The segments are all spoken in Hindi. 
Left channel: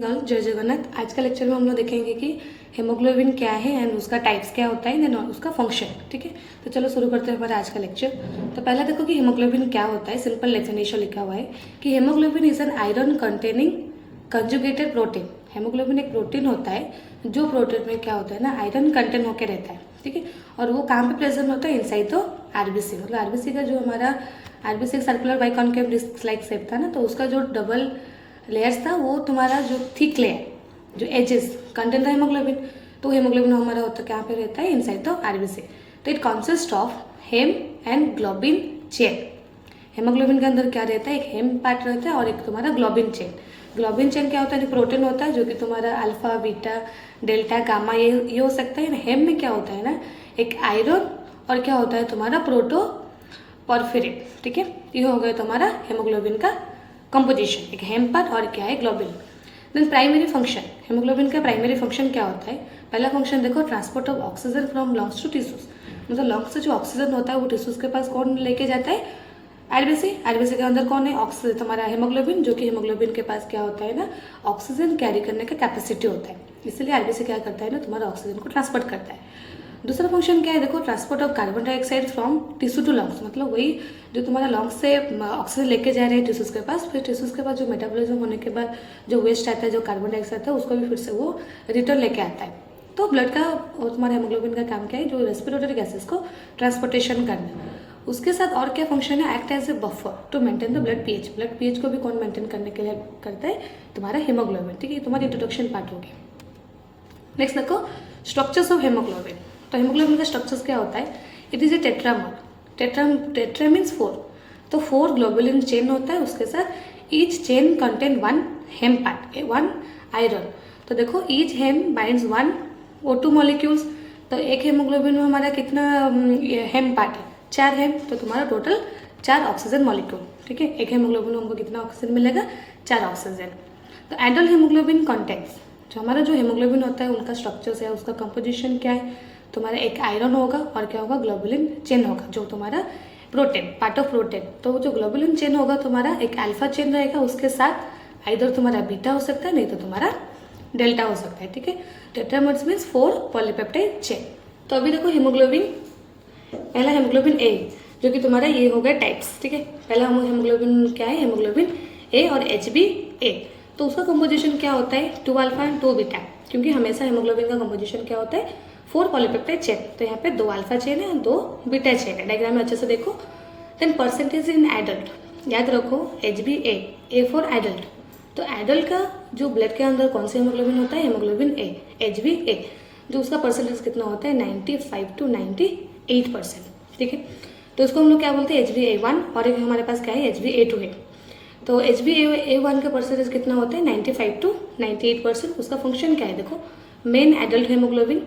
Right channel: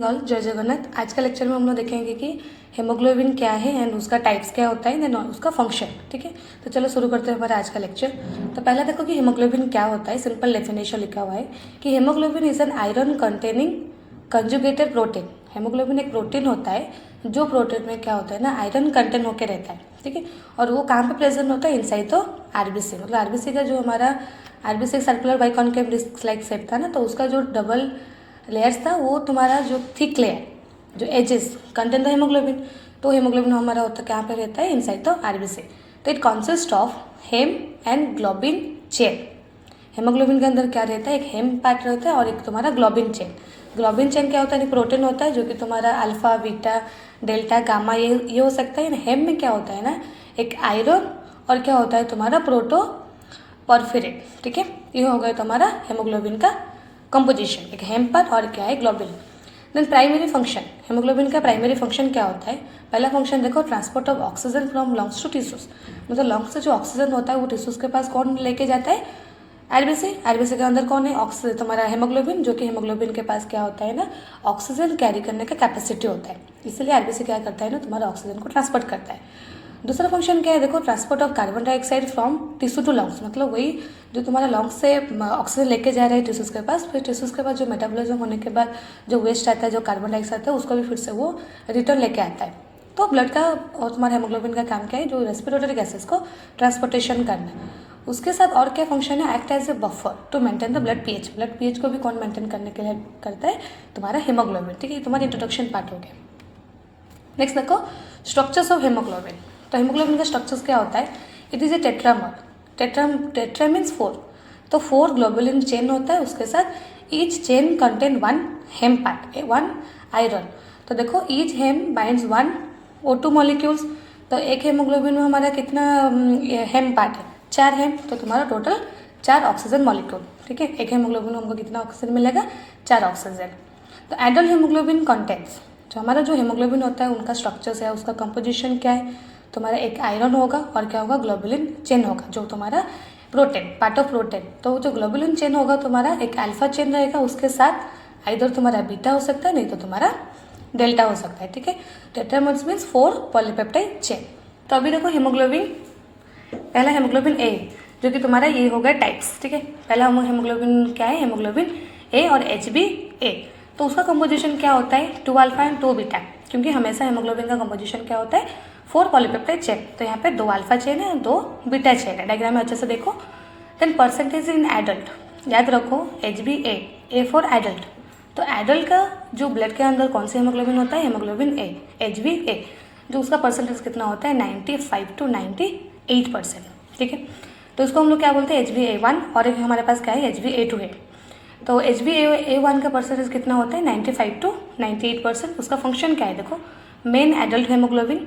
जय जगन्नाथ। आज का लेक्चर में हम लोग देखेंगे कि हेमोग्लोबिन क्या है एंड उसका टाइप्स क्या होता है एंड उसका फंक्शन। ठीक है, तो चलो शुरू करते हैं हमारा आज का लेक्चर। तो पहला देखो कि हेमोग्लोबिन क्या होता है। सिंपल डेफिनेशन लिखा हुआ है कि haemoglobin is an iron containing conjugated protein. Haemoglobin एक प्रोटीन होता है जो प्रोटीन में क्या होता है ना, आयरन कंटेंट होकर रहता है। ठीक है, और वो कहाँ पे प्रेजेंट होता है? इनसाइड तो आरबीसी, मतलब आरबीसी का जो हमारा RBC circular biconcave disc like shape था ना, तो उसका जो डबल लेयर्स था वो तुम्हारा जो थिक लेयर जो एजेस कंटेंट था हेमोग्लोबिन, तो हेमोग्लोबिन हमारा होता कहाँ पे रहता है? Inside the RBC. तो it consist of haem and globin chain. Haemoglobin के अंदर क्या रहता है? एक हेम पार्ट रहता है और एक तुम्हारा ग्लोबिन चेन। ग्लोबिन चेन क्या होता है? एक प्रोटीन होता है जो कि तुम्हारा अल्फा बीटा डेल्टा गामा ये हो सकता है। हेम में क्या होता है ना, एक आयरन और क्या होता है तुम्हारा प्रोटो परफिरेट। ठीक है, ये हो गया तुम्हारा हेमोग्लोबिन का कंपोजिशन, एक हेम पार्ट और क्या है globin. Then primary function, haemoglobin का प्राइमरी फंक्शन क्या होता है? पहला फंक्शन देखो, transport of oxygen from lungs to tissues. मतलब लंग्स से जो ऑक्सीजन होता है वो टिश्यूज के पास कौन लेके जाता है? आरबीसी। आरबीसी के अंदर कौन है? ऑक्सीजन, तुम्हारा हेमोग्लोबिन, जो कि हेमोग्लोबिन के पास क्या होता है ना, ऑक्सीजन कैरी करने का कैपेसिटी होता है। इसलिए आरबीसी क्या करता है ना, तुम्हारा ऑक्सीजन को ट्रांसपोर्ट करता है। दूसरा फंक्शन क्या है देखो, transport of carbon dioxide from tissue to lungs. मतलब वही जो तुम्हारा लंग्स से ऑक्सीजन लेके जा रहे हैं टिश्यूज के पास, फिर टिश्यूज के पास जो मेटाबॉलिज्म होने के बाद जो वेस्ट आता है, जो कार्बन डाइऑक्साइड आता है, उसको भी फिर से वो रिटर्न लेके आता है। तो ब्लड का और तुम्हारे हेमोग्लोबिन का काम क्या है? जो रेस्पिरेटरी गैसेस को ट्रांसपोर्टेशन करना। उसके साथ और क्या फंक्शन है? Act as a buffer to maintain the blood pH. Blood pH को भी कौन मेंटेन करने के लिए करता है? तुम्हारा हेमोग्लोबिन। ठीक है, तुम्हारी इंट्रोडक्शन पार्ट हो गया। नेक्स्ट देखो, स्ट्रक्चर्स ऑफ हेमोग्लोबिन। तो हेमोग्लोबिन का स्ट्रक्चर्स क्या होता है? It is a tetramer. Tetra means 4। तो 4 ग्लोबुलिन चेन होता है, उसके साथ ईच चेन कंटेन 1 हेम पार्ट, 1 आयरन। तो देखो, ईच हेम बाइंड्स 1 O2 मॉलिक्यूल्स। तो एक हेमोग्लोबिन में हमारा कितना हेम पार्ट है? 4 हेम। तो तुम्हारा टोटल 4 ऑक्सीजन मॉलिक्यूल। ठीक है, एक हेमोग्लोबिन में हमको कितना ऑक्सीजन मिलेगा? 4 ऑक्सीजन। तो एडल्ट हेमोग्लोबिन कंटेंट्स, जो हमारा जो हेमोग्लोबिन होता है उनका स्ट्रक्चर्स है, उसका कंपोजिशन क्या है? तुम्हारा एक आयरन होगा और क्या होगा? ग्लोबुलिन चेन होगा, जो तुम्हारा प्रोटीन पार्ट ऑफ प्रोटीन। तो जो ग्लोबुलिन चेन होगा तुम्हारा एक अल्फा चेन रहेगा, उसके साथ आइदर तुम्हारा बीटा हो सकता है, नहीं तो तुम्हारा डेल्टा हो सकता है। ठीक है, टेट्रामर्स मीन्स 4 पॉलीपेप्टाइड चेन। तो अभी देखो हेमोग्लोबिन, पहला हेमोग्लोबिन ए, जो कि तुम्हारा ये होगा टाइप्स। ठीक है, पहला हेमोग्लोबिन क्या है? हेमोग्लोबिन ए और HbA। तो उसका कंपोजिशन क्या होता है? 2 अल्फा एंड 2 बीटा, क्योंकि हमेशा हेमोग्लोबिन का कंपोजिशन क्या होता है? 4 पॉलीपेप्टाइड चेन। तो यहाँ पे 2 अल्फा चेन है, 2 बीटा चेन है। डायग्राम में अच्छे से देखो। देन परसेंटेज इन एडल्ट, याद रखो HbA, A फॉर एडल्ट। तो एडल्ट का जो ब्लड के अंदर कौन सी हेमोग्लोबिन होता है? हेमोग्लोबिन ए, HbA, जो उसका परसेंटेज कितना होता है? 95 to 98%। ठीक है, तो इसको हम लोग क्या बोलते हैं? HbA1। और एक हमारे पास क्या है? HbA2 है। तो HbA1 का परसेंटेज कितना होता है? 95 to 98%। उसका फंक्शन क्या है देखो, main adult haemoglobin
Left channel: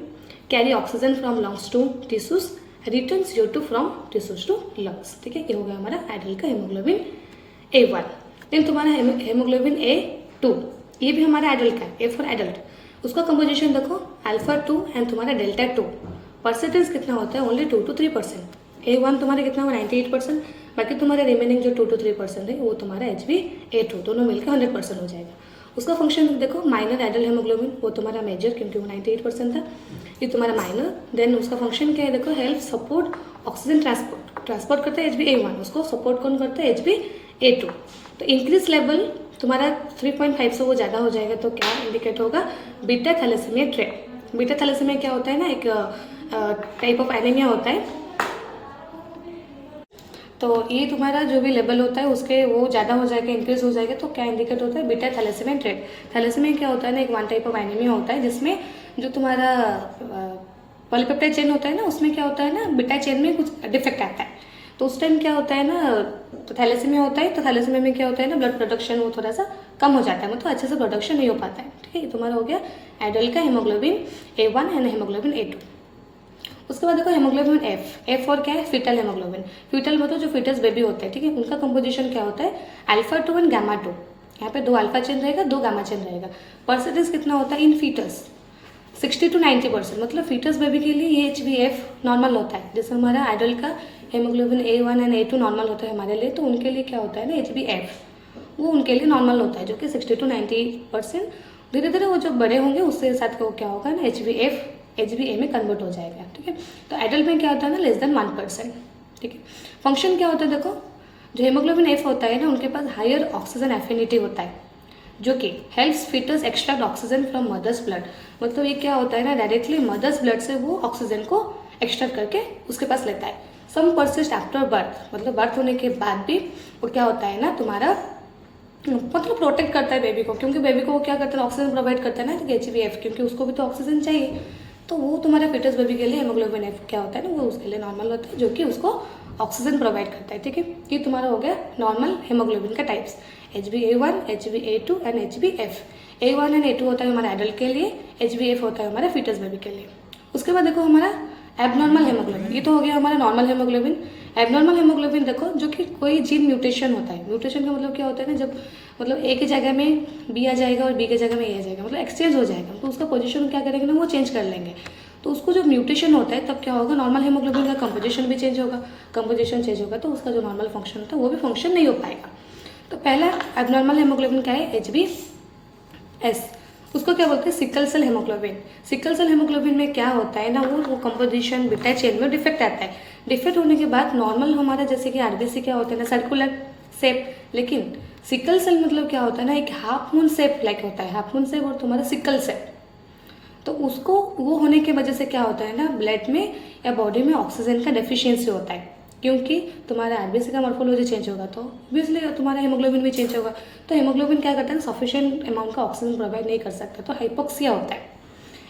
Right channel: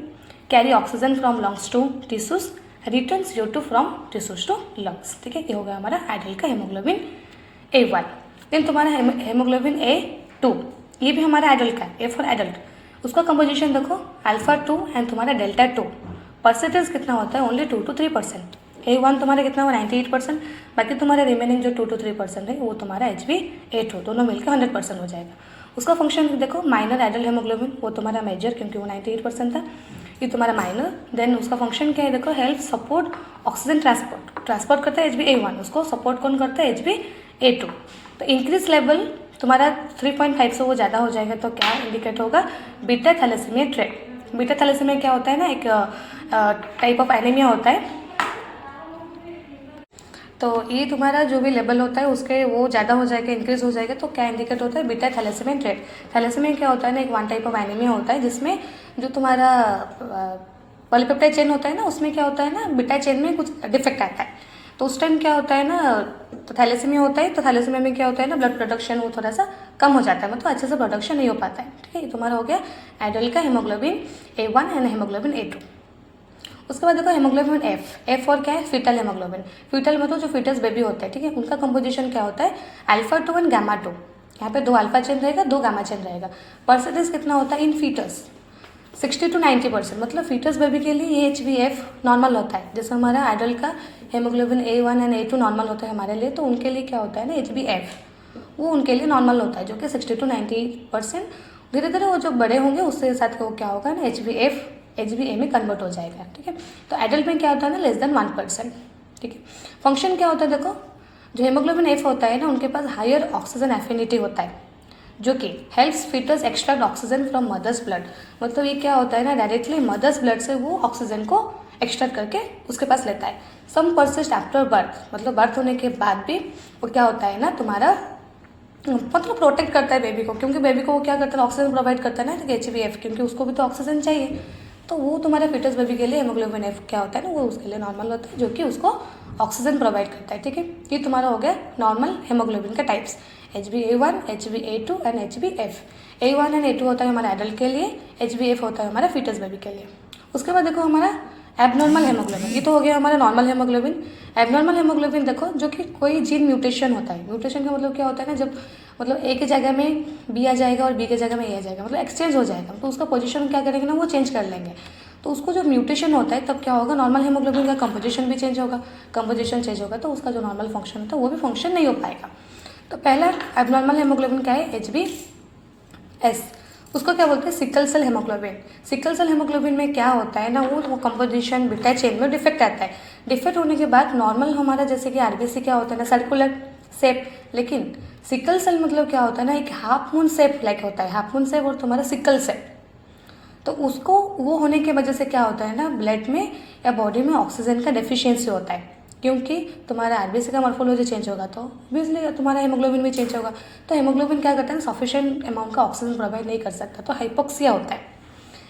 carry oxygen from lungs to tissues, return CO2 from tissues to lungs. ठीक है, ये हो गया हमारा एडल्ट का हेमोग्लोबिन A1। देन तुम्हारा हेमोग्लोबिन A2, ये भी हमारा एडल्ट का, A फॉर एडल्ट। उसका कंपोजिशन देखो, अल्फा 2 एंड तुम्हारा डेल्टा 2। परसेंटेज कितना होता है? Only 2 to 3%। A1 तुम्हारा कितना हुआ? 98%। बाकी तुम्हारे रिमेनिंग जो 2 to 3% है वो तुम्हारा HbA2, दोनों मिलकर 100% हो जाएगा। उसका फंक्शन देखो, माइनर एडल्ट हेमोग्लोबिन, वो तुम्हारा मेजर, क्योंकि वो 98% था, ये तुम्हारा माइनर। देन उसका फंक्शन क्या है देखो, हेल्प सपोर्ट ऑक्सीजन ट्रांसपोर्ट करता है HbA1, उसको सपोर्ट कौन करता है? HbA2। तो इंक्रीज लेवल तुम्हारा 3.5 से वो ज़्यादा हो जाएगा, तो क्या इंडिकेट होगा? Beta thalassaemia trait. Beta thalassaemia क्या होता है ना, एक टाइप ऑफ एनीमिया होता है। तो ये तुम्हारा जो भी लेवल होता है उसके वो ज़्यादा हो जाएगा, इंक्रीज हो जाएगा, तो क्या इंडिकेट होता है? Beta thalassaemia trait. थैलेसीमिया क्या होता है ना, एक 1 टाइप ऑफ एनीमिया होता है जिसमें जो तुम्हारा पॉलीपेप्टाइड चेन होता है ना, उसमें क्या होता है ना, बीटा चेन में कुछ डिफेक्ट आता है। तो उस टाइम क्या होता है ना, तो थैलेसीमिया होता है। तो थैलेसीमिया में क्या होता है ना, ब्लड प्रोडक्शन वो थोड़ा सा कम हो जाता है, मतलब अच्छे से प्रोडक्शन नहीं हो पाता है। ठीक है, ये तुम्हारा हो गया एडल्ट का haemoglobin A1 and haemoglobin A2। उसके बाद देखो हेमोग्लोबिन एफ और क्या है? Fetal haemoglobin. फीटल मतलब जो फीटस बेबी होता है। ठीक है, उनका कंपोजिशन क्या होता है? Alpha 2 and gamma 2। यहाँ पे 2 अल्फा चेन रहेगा, 2 गामा चेन रहेगा। परसेंटेज कितना होता है इन फीटस? 60 to 90%। मतलब फीटस बेबी के लिए ये HbF नॉर्मल होता है। जैसे हमारा एडल्ट का haemoglobin A1 and A2 normal होता है हमारे लिए, तो उनके लिए क्या होता है ना, HbF वो उनके लिए नॉर्मल होता है, जो कि 60 to 90% धीरे धीरे वो जो बड़े होंगे उसके साथ वो क्या होगा ना HbA में कन्वर्ट हो जाएगा, ठीक है। तो एडल्ट में क्या होता है ना लेस देन 1%, ठीक है। फंक्शन क्या होता है देखो, जो हेमोग्लोबिन F होता है ना उनके पास हायर ऑक्सीजन एफिनिटी होता है, जो कि helps foetus extract oxygen from mother's blood. मतलब ये क्या होता है ना, डायरेक्टली मदर्स ब्लड से वो ऑक्सीजन को एक्सट्रैक्ट करके उसके पास लेता है। सम परसिस्ट आफ्टर बर्थ, मतलब बर्थ होने के बाद भी वो क्या होता है ना तुम्हारा मतलब प्रोटेक्ट करता है बेबी को, क्योंकि बेबी को वो क्या करता है ऑक्सीजन प्रोवाइड करता है ना HbF, क्योंकि उसको भी तो ऑक्सीजन चाहिए। तो वो तुम्हारे फीटस बेबी के लिए हेमोग्लोबिन F क्या होता है ना वो उसके लिए नॉर्मल होता है, जो कि उसको ऑक्सीजन प्रोवाइड करता है, ठीक है। ये तुम्हारा हो गया नॉर्मल हेमोग्लोबिन का types, HbA1, HbA2 and HbF। A1 and A2 होता है हमारा एडल्ट के लिए, HbF होता है हमारा फीटस बेबी के लिए। उसके बाद देखो हमारा एबनॉर्मल हेमोग्लोबिन, ये तो हो गया हमारा नॉर्मल हेमोग्लोबिन। एबनॉर्मल हेमोग्लोबिन देखो जो कि कोई जीन म्यूटेशन होता है। म्यूटेशन का मतलब क्या होता है ना, जब मतलब ए की जगह में बी आ जाएगा और बी की जगह में ए आ जाएगा, मतलब एक्सचेंज हो जाएगा, तो उसका पोजीशन क्या करेंगे ना वो चेंज कर लेंगे। तो उसको जो म्यूटेशन होता है तब क्या होगा, नॉर्मल हेमोग्लोबिन का कंपोजिशन भी चेंज होगा, कंपोजिशन चेंज होगा तो उसका जो नॉर्मल फंक्शन होता है वो भी फंक्शन नहीं हो पाएगा। तो पहला एबनॉर्मल हेमोग्लोबिन क्या है, HbS। उसको क्या बोलते हैं, sickle cell haemoglobin. Sickle cell haemoglobin में क्या होता है ना वो कंपोजिशन बीटा चेन में डिफेक्ट आता है। डिफेक्ट होने के बाद नॉर्मल हमारा जैसे कि आरबीसी क्या होता है ना सर्कुलर शेप, लेकिन सिकल सेल मतलब क्या होता है ना एक हाफ मून शेप लाइक होता है, हाफ मून शेप और तुम्हारा सिकल सेल। तो उसको वो होने की वजह से क्या होता है ना ब्लड में या बॉडी में ऑक्सीजन का डेफिशिएंसी होता है, क्योंकि तुम्हारा आरबीसी का मॉर्फोलॉजी चेंज होगा तो ऑब्वियसली तुम्हारा हेमोग्लोबिन भी चेंज होगा। तो हेमोग्लोबिन क्या करता है ना सफिशिएंट अमाउंट का ऑक्सीजन प्रोवाइड नहीं कर सकता, तो हाइपोक्सिया होता है।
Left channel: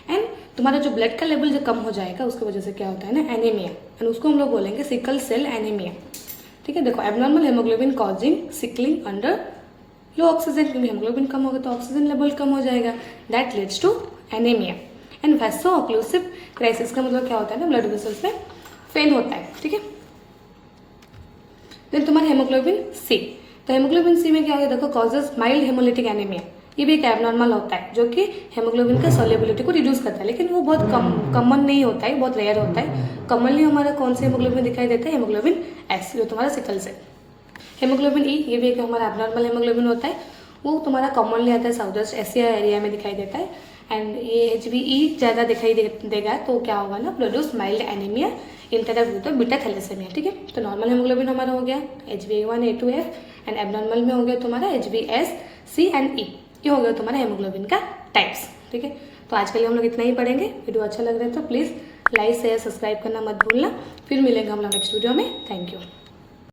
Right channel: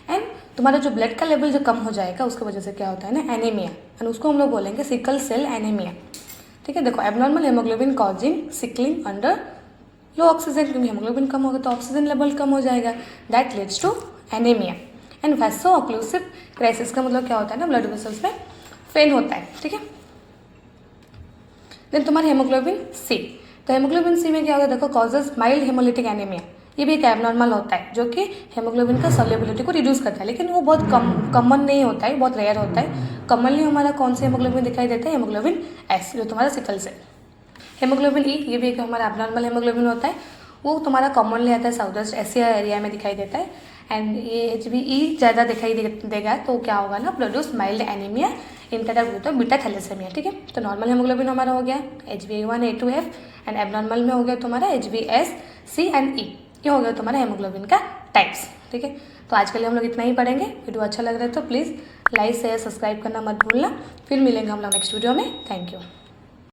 एंड तुम्हारा जो ब्लड का लेवल जो कम हो जाएगा उसकी वजह से क्या होता है ना एनीमिया, एंड उसको हम लोग बोलेंगे सिकल सेल एनीमिया, ठीक है। देखो abnormal haemoglobin causing sickling under low oxygen, क्योंकि हेमोग्लोबिन कम होगा तो ऑक्सीजन लेवल कम हो जाएगा, that leads to anaemia. And vaso occlusive crisis का मतलब क्या होता है ना ब्लड वेसल्स में फेल होता है, ठीक है। देन तुम्हारे हेमोग्लोबिन सी, तो हेमोग्लोबिन सी में क्या होगा देखो कॉजेज माइल्ड हेमोलिटिक एनीमिया। ये भी एक एबनॉर्मल होता है जो कि हेमोग्लोबिन का सॉल्युबिलिटी को रिड्यूस करता है, लेकिन वो बहुत कॉमन नहीं होता है, बहुत रेयर होता है। कॉमनली हमारा कौन सी हेमोग्लोबिन दिखाई देता है, हेमोग्लोबिन एस जो तुम्हारा सिकल सेल। हेमोग्लोबिन ई, ये भी एक हमारा एबनॉर्मल हेमोग्लोबिन होता है, वो तुम्हारा कॉमनली आता है साउथ वेस्ट एशिया एरिया में दिखाई देता है। एंड ये HbE ज़्यादा दिखाई देगा तो क्या होगा ना प्रोड्यूस माइल्ड एनीमिया इंटरएक्ट होता है बीटा थैलेसेमिया, ठीक है। तो नॉर्मल हेमोग्लोबिन हमारा हो गया HbA1 A2F, एंड एबनॉर्मल में हो गया तुम्हारा HbS C एंड E। ये हो गया तुम्हारा हेमोग्लोबिन का टाइप्स, ठीक है। तो आज के लिए हम लोग इतना ही पढ़ेंगे। वीडियो अच्छा लग रहा है तो प्लीज़ लाइक शेयर सब्सक्राइब करना मत भूलना। फिर मिलेंगे हम लोग नेक्स्ट वीडियो में। Thank you.